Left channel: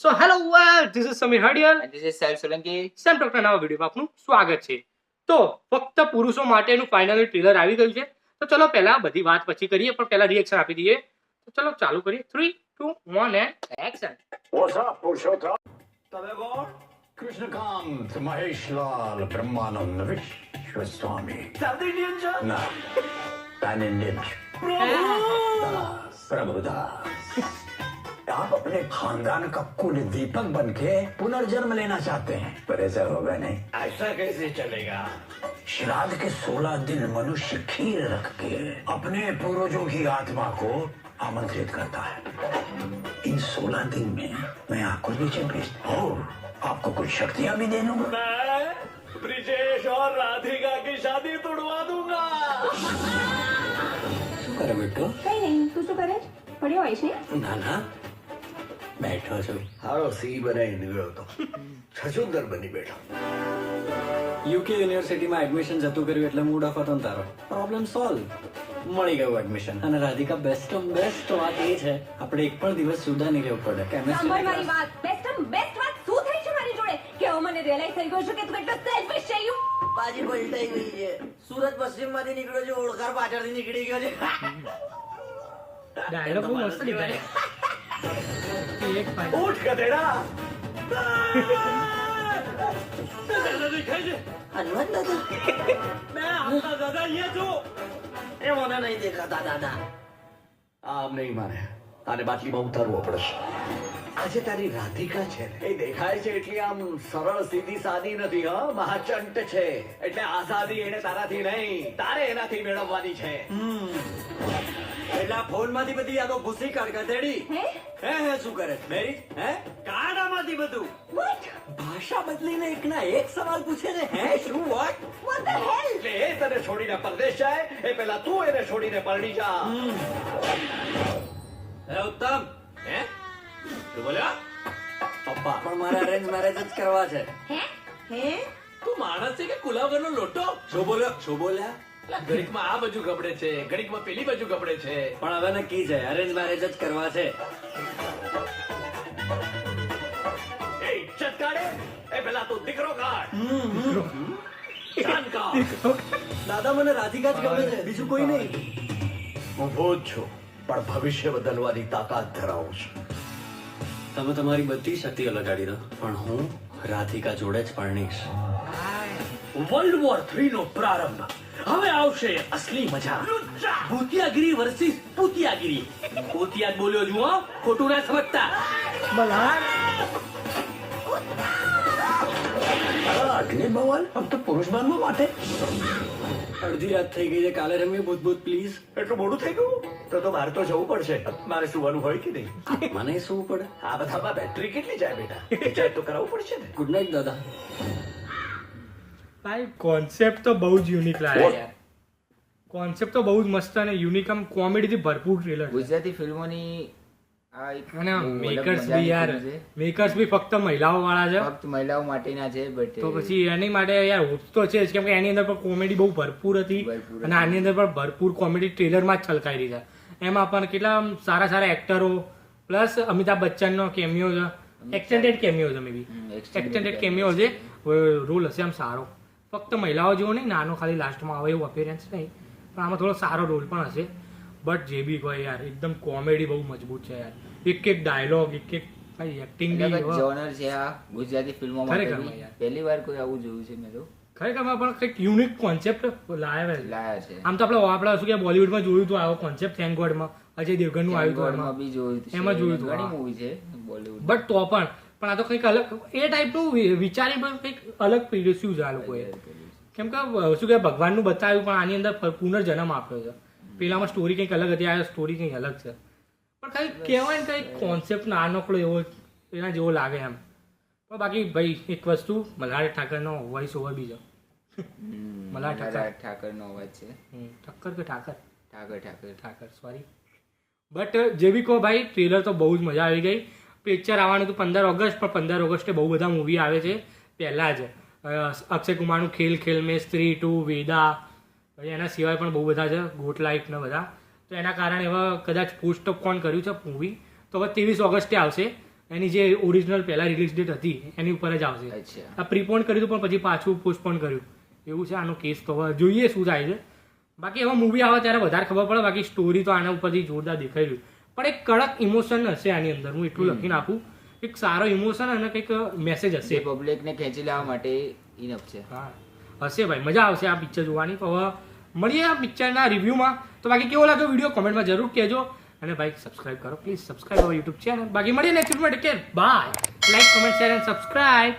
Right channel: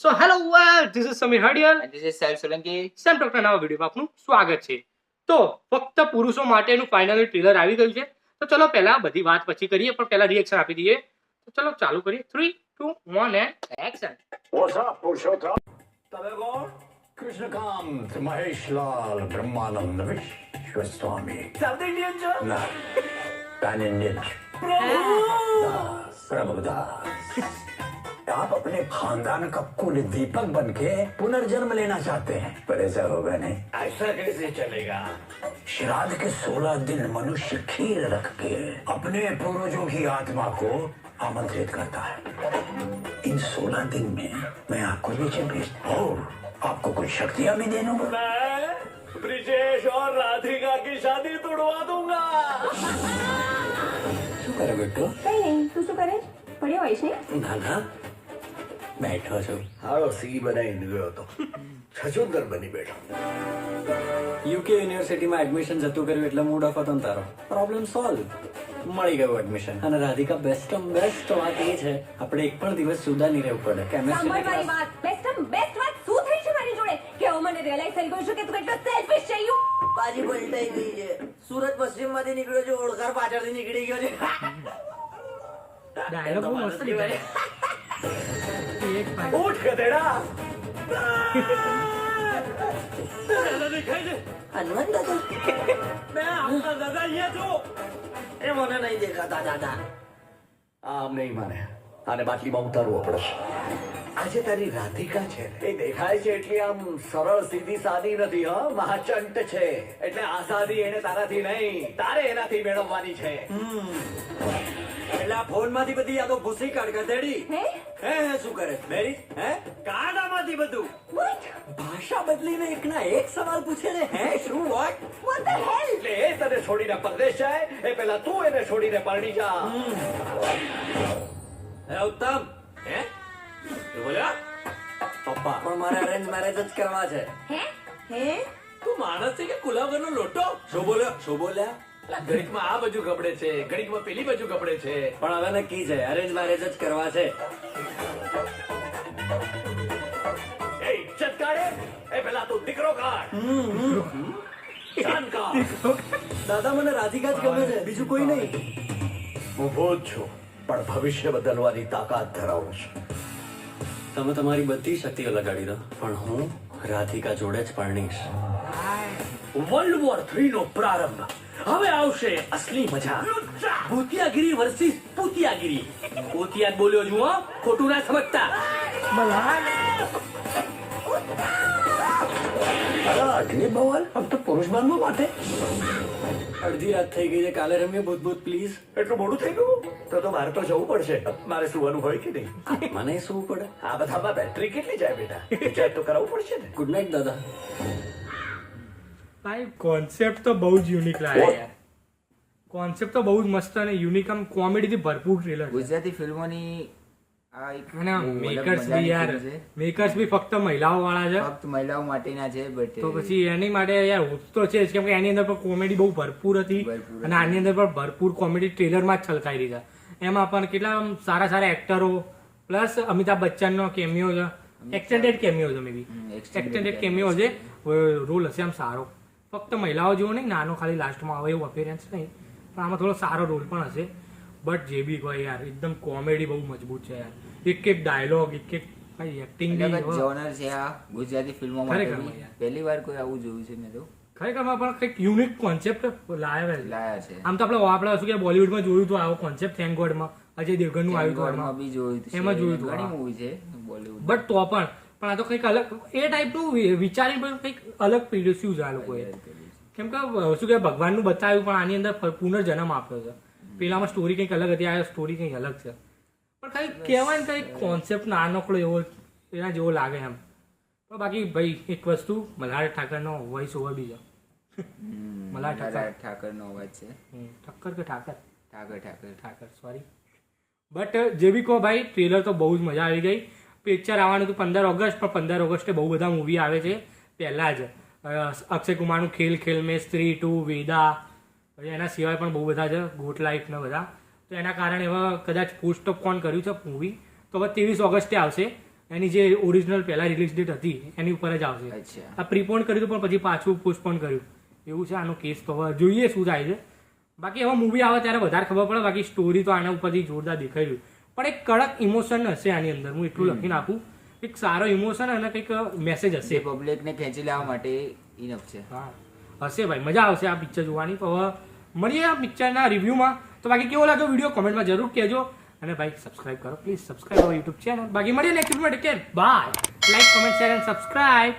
So hello this is Sameer Hadiyal And this is Sahil Solanki. Sam ટોકના નવા વિડીયોમાં આપનું સ્વાગત છે. તો ફક્ત પુરુષો માટેનું ફાઇનલી ટ્રેલર આવી ગયું છે. તો ચલો પહેલા બધી વાત પછી કરીએ, પણ પહેલા રિએક્શન આપી દઈએ. તો ચલો ચાલુ કરીએ. 3, 2, 1 and action. What's up, Purushottam? તમે કોણ? કૃષ્ણકાંત મહેશલાલ બ્રહ્માનંદ વિશ્વસ્વામી. સાઉથ ઇન્ડિયન છો? ના, પેન ઇન્ડિયન. प्रभुदास, आप अपने खानदान का कुल दीपक बन के पुनर्जन्म लेना चाहते हैं, पर ऐसा होगा नहीं. ऐसा कैसे चलेगा? श्राद्ध के 16 दिन मनुष्य खीर रख के अपने पूर्वजों की आत्मा को आमंत्रित करता है. इन 16 दिन में मैं आपको नीचे भेजता हूँ. आपको कुछ शक्तियाँ भी दे दूंगा. ब्रिजेश और राधिका की शादी तोड़वा दूंगा. શું કરે બેટો? કઈ નહીં, તું શું કરે? પડ્યો હોઈશ ને? ના ના, બેઠો છું. હારો સી બનાવી નીકળ્યો હતો, છછુંદર બની બેઠો. યુકે યુનિવર્સિટીમાં એડમિશન જતું કર્યું એટલે મૂડ ઓફ હતો ને તારો. પ્રોબ્લેમ સોલ્વ, મળી ગયું એડમિશન. અને રાધિકા બેસ્ટ વાત એ છે આપણે એક પણ દિવસ જુદા નહીં રહેવું પડે. સાંભળ મારી કેમિસ્ટ્રી વાત. બેસ્ટ વાત શું થઈ છે મારી જોડે? કે હવે મને રિયલાઇઝ થઈ ગયું છે કે તું એટલો સેલ્ફિશ છે યુ. બાજી પલટાઈ ગઈ છે. સુરત પશ્ચિમ માંથી નીકળ્યો છે, ઓળખાર પાછળથી નીકળી ગયો છે. ડાયલોગ બહુ મસ્ત લીધા છે. એક ફાઇનલ ઉઠ ગધેડા. દાદા દેખાય છે? હનુમાન દાદા મેં આપના દાદા અહીંયા છું. એ મને નહીં દેખાતા દાદા. આમ નહીં માને, આને બાટલીમાં ઉતારવો પડશે. આજે તારી રાધિકા છે ને, એ દેખાય છે એટલી આમ સરળ સીધી સાદી નથી. મહાચંટ છે, એટલે આઝાદી એને તારાથી નહીં, તારે એનાથી મેળવવાની છે. એટલે આ ફોન માંથી બધી યાદો ભૂસી કાઢ ગધેડી. હે? હે શું કરે મેરી? હે કાઢ આમાંથી બધું. ભાષા બદલીને એકના એક સવાલ પૂછે ને. હે શું વોટ? What the hell? એટલે એ તને છોડીને પરદેશ જાય એ પહેલા તું એને છોડીને પાડી જા. હે ઉત્તમ, હે? તું બોલ્યા? પપ્પા પણ મારે અરેન્જ મેરેજ જ કરવા છે. હે? તું માણસ છે કે કુલાવરનો લોટો? શું બોલ્યા? ઘડીકમાં આ બાજુ ગબડે છે, ઘડીકમાં પેલી બાજુ ગબડે છે. પણ હવે નક્કી છે અરેન્જ મેરેજ જ કરવા છે. એ ઇજ્જત કાઢે એ પહેલા તું દીકરો કાઢ. જાન કાઢ. દાદા મને રાધિકા જ ગમે છે, બીજું કોઈ નહીં. હું ભૂત છું, પણ ભવિષ્ય બદલવાની તાકાત ધરાવું છું. તમે તમારી બધી શક્તિઓ લગાડી દો, પણ હું રાધિકા જોડે જ પરણીશ. વર્લ્ડ વોર 3 નો પ્રારંભ. હવે આવશે અસલી મજા. ભૂતિયાગીરી વર્સિસ પૂતિયાગીરી. પૂતિયા જ બોલ્યો છું, હા, ખોટું ના સમજતા. અગ્નિ બવાલ अब तो पुरुष बांधवा माथे. અડધી રાત થઈ ગઈ છે, કાલે રમીએ ભૂત પ્લીઝ. એટલું મોડું થઈ ગયું તો મારે તો જવું પડશે. મારે સુવાનું હોય કે નહીં? મને શું પડે? આ બધામાં બેટરી કેટલી જાય બેટા? રિચાર્જ તો કરાવવું પડશે ને. ગુડ નાઇટ દાદા. ભાઈ કોન્સેપ્ટ તો બહુ જ યુનિક લાગે યાર. કોન્સેપ્ટ તો બહુ જ મસ્ત અને યુનિક, આમ કોમેડીથી ભરપૂર ટ્રેલર છે. ગુજરાતી ફિલ્મોની આ એક અને બહુ અલગ મેકર્સ મજાની બી યાર, film છે. મેકર્સ બી ફક્ત મહિલાઓ વાળા છે. ફક્ત મહિલાઓ માટેના છે, બટ તો પછી એની માટે યાર હોપ તો છે જ, કેમ કે એની અંદર પણ કોમેડી બહુ ભરપૂર હતી ભરપૂર અને આની અંદર પણ ભરપૂર કોમેડી ટ્રેલરમાં જ છલકાઈ રહી છે. એમાં પણ કેટલા આમ સારા એક્ટરો પ્લસ અમિતાભ બચ્ચનનો કેમિયો છે, એક્સટેન્ડેડ કેમિયો છે, મે બી એક્સટેન્ડેડ કેમિયો છે. રોલ હશે આમ સારો, ફક્ત મહિલાઓ જેવો નહીં, નાનો ખાલી લાસ્ટમાં આવે એવું અપેરન્સ નહીં, પણ આમાં થોડો સારો રોલ પણ હશે. બટ જે બી કોઈ યાર એકદમ કોમેડી બહુ મજબૂત છે યાર. એક ડાયલોગ, એક એક્ટિંગ બી જોનર છે આ ગુજરાતી ફિલ્મો ખરેખર માટે. યાર. પહેલી વાર કોઈ આવું જોયું છે મેં તો. ખરેખર પણ કંઈક યુનિક કોન્સેપ્ટ લાવ્યા છે. લાયા છે. આમ તો આપણે શું કે બોલિવૂડમાં જોયું હતું આવો કોન્સેપ્ટ, થેન્ક ગોડમાં અજય દેવગનનું આવ્યું હતું એમાં એમાં. બી જોયું છે. એમાં જોયું હતું, ઘણી હા. મૂવી છે બોલીવુડ. બટ તો પણ આ તો કંઈક અલગ એ ટાઈપનું વિચારી પણ કંઈક અલગ પીરસ્યું છે આ લોકોએ. કેમ કે શું કે ભગવાનનું બતાવ્યું, પણ આની અંદર પુનર્જન્મ આપ્યો છે. પેલામાં સ્ટોરી કંઈક અલગ હતી, આ સ્ટોરી કંઈક અલગ છે. પણ કંઈક કહેવાય ને કંઈક કોન્સેપ્ટ નાનકડો એવો એના જેવો લાગે એમ. પણ બાકી ભાઈ એક વસ્તુ, મલ્હાર ઠાકરનો વોઇસ ઓવર બી છે. મલ્હાર ઠાકરનો અવાજ છે. ઠક્કર કે ઠાકર ઠાકર સોરી. બટ જે બી કહો ભાઈ, ટ્રેલર તો બહુ જ મજા આવી ગઈ. પિક્ચર આવવાનું હતું 15 ઓગસ્ટ, પણ 15 ઓગસ્ટે બહુ બધા મૂવી આવે છે. પહેલાં જ અક્ષય કુમારનું ખેલ મેં, સ્ત્રી 2, વેદા, પછી એના સિવાય પણ બહુ બધા છે, ગોટ લાઈફ ને બધા. તો એના કારણે હવે કદાચ પોસ્ટપોન કર્યું છે મૂવી, તો હવે 23 ઓગસ્ટે આવશે. એની જે ઓરિજિનલ પહેલા રિલીઝ ડેટ હતી એની ઉપર જ આવશે. અચ્છા. આ પ્રીપોન કર્યું હતું પણ પછી પાછું પોસ્ટપોન કર્યું એવું છે આનો કેસ. તો હવે જોઈએ શું થાય છે. બાકી હવે મૂવી આવે ત્યારે વધારે ખબર પડે. બાકી સ્ટોરી તો આના ઉપરથી જોરદાર દેખાઈ રહ્યું. પણ એક કડક ઇમોશન હશે આની અંદર, હું એટલું લખી નાખું. એક સારો ઇમોશન અને કંઈક મેસેજ હશે. પબ્લિક ને ખેંચી લેવા માટે ઇનફ છે. હા હશે ભાઈ, મજા આવશે આ પિક્ચર જોવાની. તો હવે મળીએ આ પિક્ચરના રિવ્યૂમાં. તો બાકી કેવો લાગ્યો વિડીયો કોમેન્ટમાં જરૂર કહેજો. અને ભાઈ સબસ્ક્રાઇબ કરો please, subscribe our YouTube channel. બાકી મળીએ next video. Take care, bye. Like, comment, share and subscribe.